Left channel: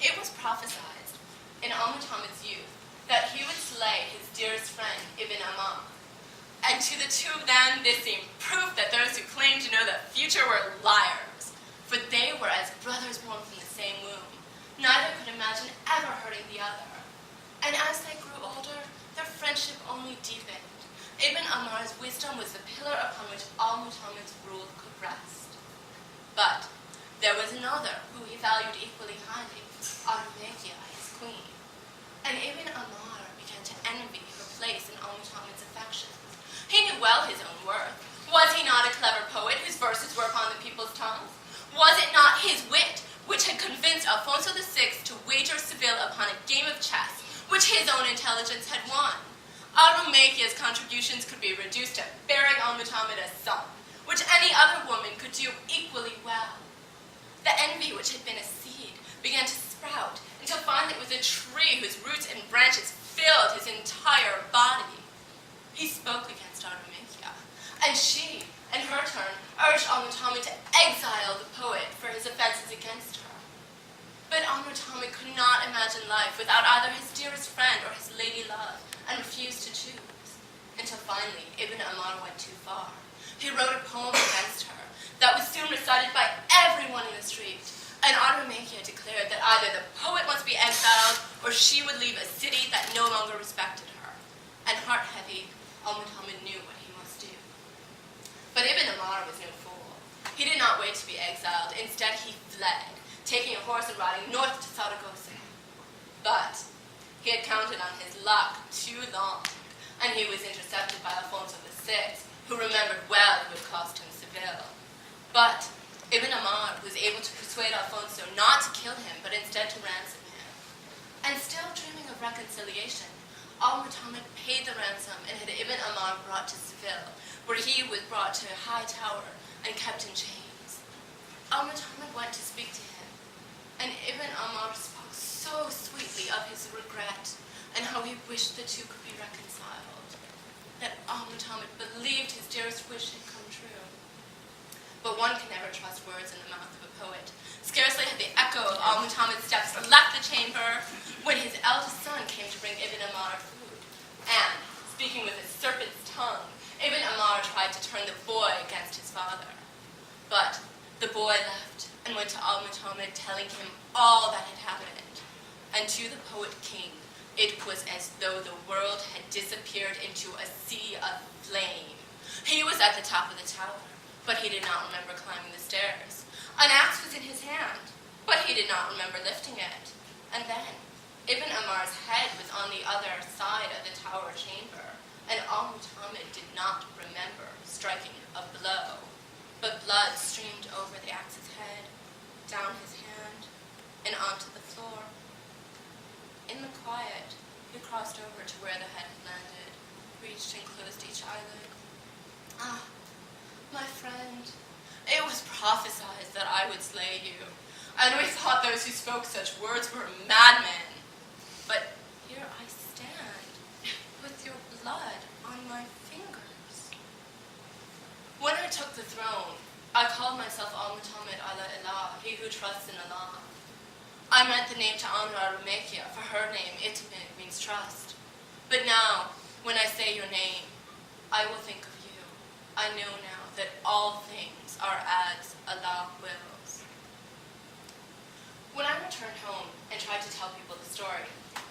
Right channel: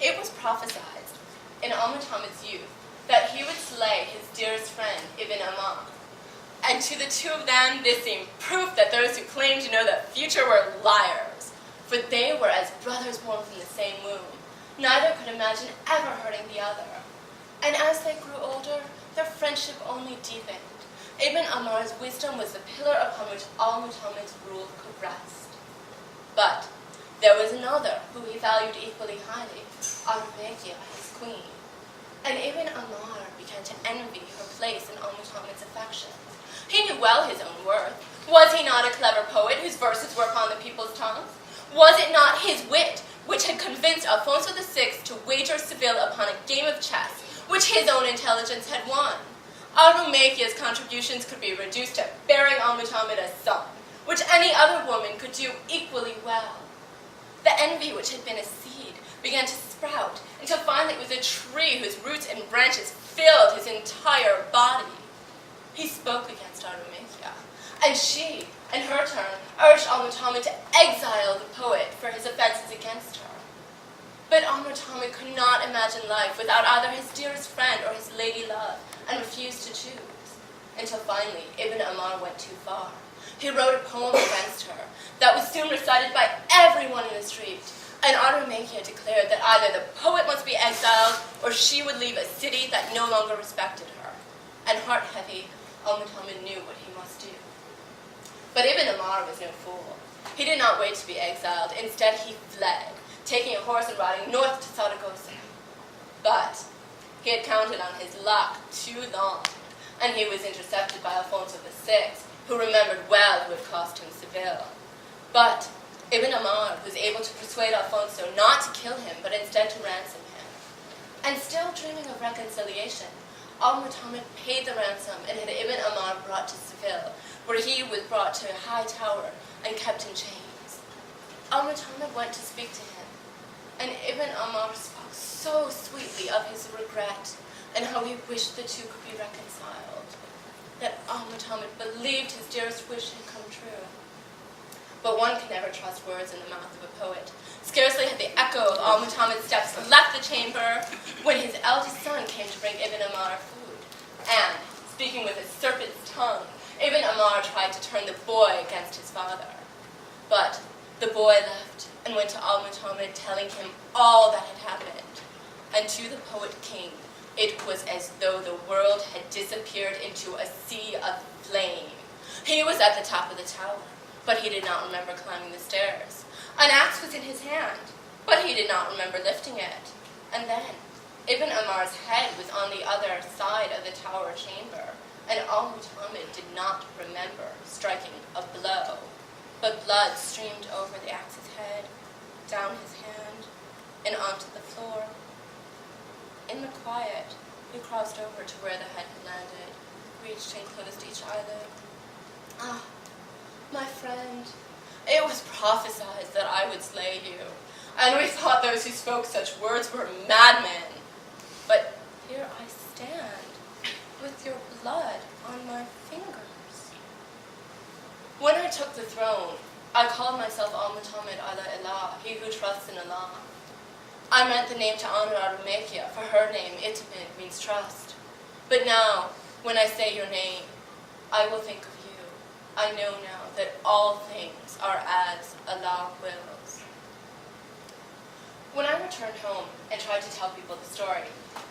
It was prophesied in Al-Muhammad's youth that he would slay his dearest friend, Ibn Amar. And to the two of them, this seemed proof that those who claimed to know the future were liars, for they were as brothers born from the same womb. Neither could imagine ever hurting the other. And as they grew older, their friendship only deepened. Ibn Amar's wisdom was the pillar upon which Al-Muhammad's rule could rest. But there was another who he valued equally highly, Al-Rumayya, his queen. And Ibn Amar began to envy her place in Al-Muhammad's affections. He knew well his own worth. Was he not a clever poet whose verses were upon the people's tongues? Was it not his wit which had convinced Alfonso VI to wager Seville upon a game of chess, which his own intelligence had won? Al-Rumayya's contributions could be reduced to bearing Al-Muhammad a son, which any other woman could do equally well. The envy which had been a seed began to sprout until finally it was a tree whose roots and branches filled his entire body. He spoke against Al-Rumayya, and she, in her turn, urged Al-Muhammad to exile the poet for his offenses against her. But Al-Muhammad could not imagine life without either his dearest friend or his lady love, and refused to choose, until finally Ibn Amar went too far. He wrote a poem against her that was soon recited by everyone in the street, and Al-Rumayya declared that either the poet must be exiled or she would leave a city that no longer respected her. And heart-heavy, Al-Muhammad knew what he must do. But Ibn Amar was no fool. He did not wait to be exiled. Instead, he fled, taking a horse and riding north to Saragossa. But he had counted on his luck too long, and he was intercepted by Alfonso VI, who remembered well who had cost him Seville. But Ibn Amar was able to persuade Alfonso not to kill him, but instead to ransom him. And still dreaming of reconciliation, Al-Muhammad paid the ransom and had Ibn Amar brought to Seville, where he was brought to a high tower and kept in chains. Al-Muhammad went to speak to him, and Ibn Amar spoke so sweetly of his regret and how he wished the two could be reconciled, that Al-Muhammad believed his dearest wish had come true. But one can never trust words in the mouth of a poet. Scarcely had the echo of Al-Muhammad's steps left the chamber when his eldest son came to bring Ibn Amar food. And, speaking with a serpent's tongue, Ibn Amar tried to turn the boy against his father. But the boy left and went to Al-Muhammad, telling him all that had happened. And to the poet king, it was as though the world had disappeared into a sea of flame. He was at the top of the tower, but he did not remember climbing the stairs. An axe was in his hand, but he did not remember lifting it. And then, Ibn Amar's head was on the other side of the tower chamber, and Al-Muhammad did not remember striking a blow, but blood streamed over the axe's head, down his hand, and onto the floor. In the quiet, he crossed over to where the head had landed, reached and closed each eyelid. Ah, my friend, it was prophesied that I would slay you, and we thought those who spoke such words were madmen. But here I stand, with your blood on my fingers. When I took the throne, I called myself Al-Muhammad ala Ilah, he who trusts in Allah. I meant the name to honor Al-Rumayya, for her name, Itamid, means trust. But now, when I say your name, I will think of you. I know now that all things are as Allah wills. When I returned home and tried to tell people the story,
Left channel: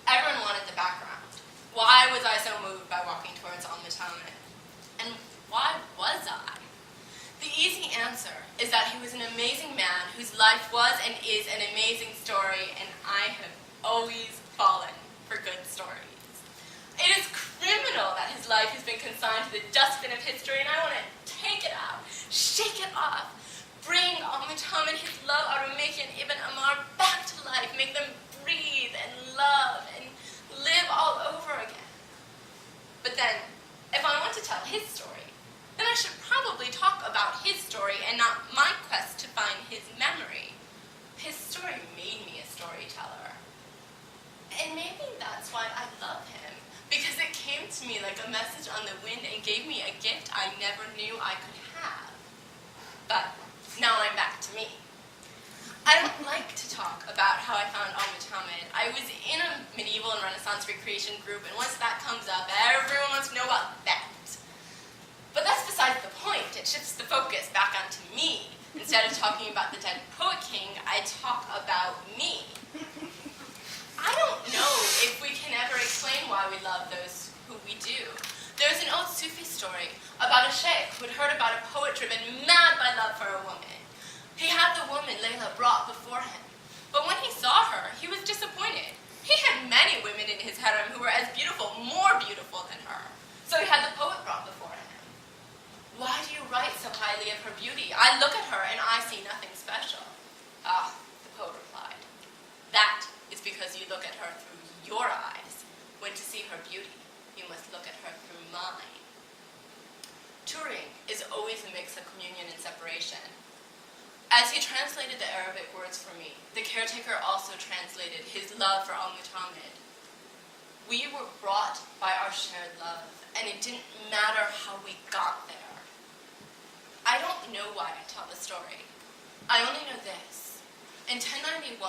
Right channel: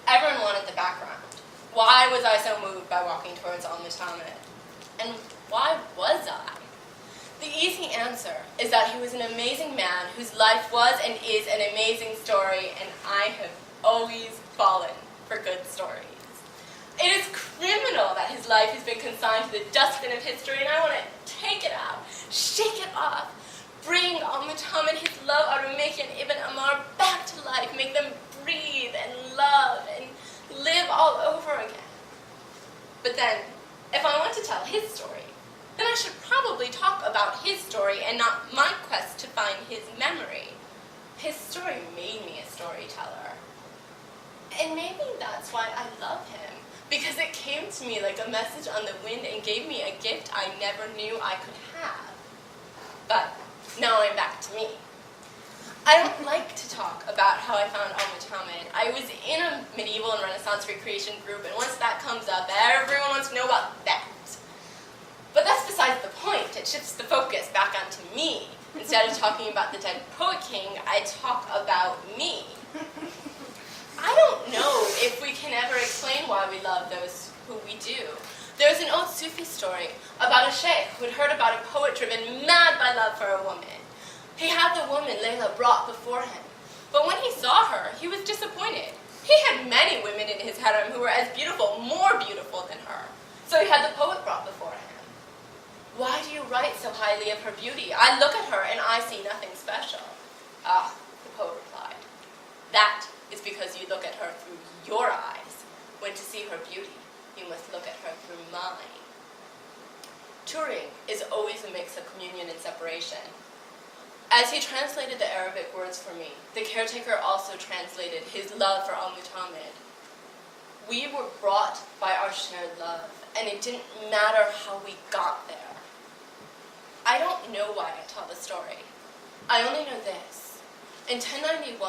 everyone wanted the background. Why was I so moved by walking towards Al-Muhammad? And why was I? The easy answer is that he was an amazing man whose life was and is an amazing story, and I have always fallen for good stories. It is criminal that his life has been consigned to the dustbin of history, and I want to take it out, shake it off, bring Al-Muhammad, his love, Al-Rumayya, and Ibn Amar back to life, make them breathe and love and live all over again. But then, if I want to tell his story, then I should probably talk about his story and not my quest to find his memory. His story made me a storyteller. And maybe that's why I love him, because it came to me like a message on the wind and gave me a gift I never knew I could have. But now I'm back to me. I don't like to talk about how I found Al-Muhammad. Al-Mutamid. I was in a medieval and Renaissance recreation group, and once that comes up, everyone wants to know about that. But that's besides the point. It shifts the focus back onto me. Instead of talking about the dead poet king, I talk about me. I don't know if we can ever explain why we love those who we do. There's an old Sufi story about a sheikh who had heard about a poet driven mad by love for a woman. He had the woman, Layla, brought before him. But when he saw her, he was disappointed. He had many women in his harem who were as beautiful, more beautiful than her. So he had the poet brought before him. Why do you write so highly of her beauty? I look at her and I see nothing special. Ah, the poet replied, that is because you look at her through your eyes, when to see her beauty, you must look at her through mine. Touring is always a mix of communion and separation. As he translated the Arabic words for me, the caretaker also translated his love for Al-Mutamid. We were brought by our shared love, and it didn't matter how we got there. I don't know why I tell the story. I only know this. In 1091,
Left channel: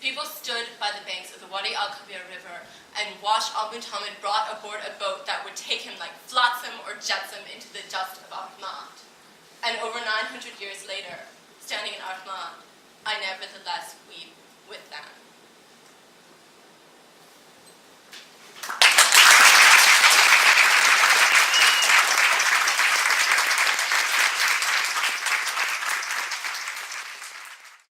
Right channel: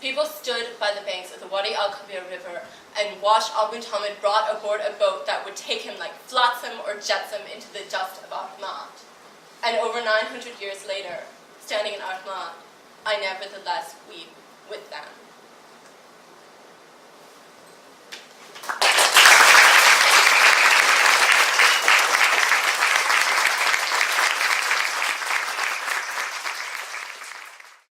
people stood by the banks of the Wadi al-Kabir River and watched Al-Mutamid brought aboard a boat that would take him like flotsam or jetsam into the dust of Ahmad. And over 900 years later, standing in Ahmad, I nevertheless weep with them.